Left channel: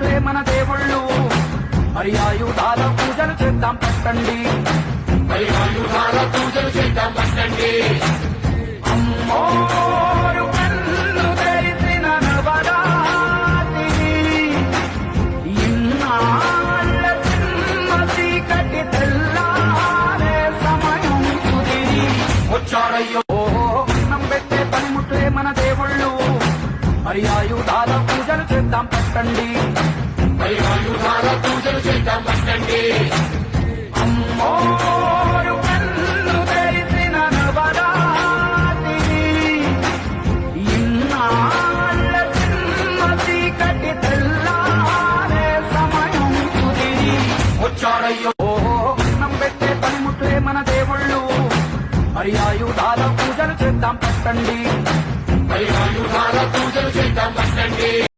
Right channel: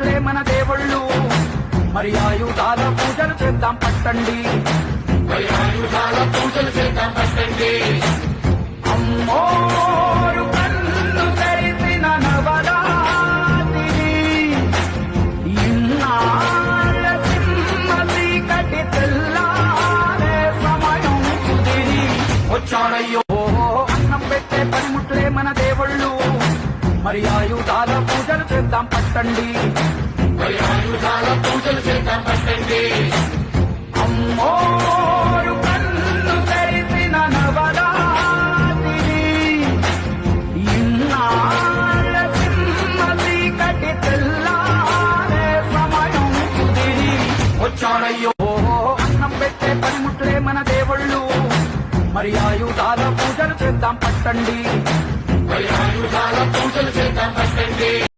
పనిముట్లే మన దేవుళ్ళు, మరి ఆయుధాల పూజలు చేద్దాం పట్టండి. అమ్మోరు కన్ను తెరిసిన నవరాత్రి, ఇన్నాళ్ళ సింహ చీకటి తెల్లారే సమయం కుదిరి వచ్చాడయ్యో. అన్నం పెట్టే పనిముట్లే మన దేవుళ్ళు, మరి ఆయుధాల పూజలు చేద్దాం పట్టండి. అమ్మోరు కన్ను తెరిసిన నవరాత్రి, ఇన్నాళ్ళ సింహ చీకటి తెల్లారే సమయం కుదిరి వచ్చాడయ్యో. అన్నం పెట్టే పనిముట్లే మన దేవుళ్ళు, మరి ఆయుధాల పూజలు చేద్దాం పట్టండి.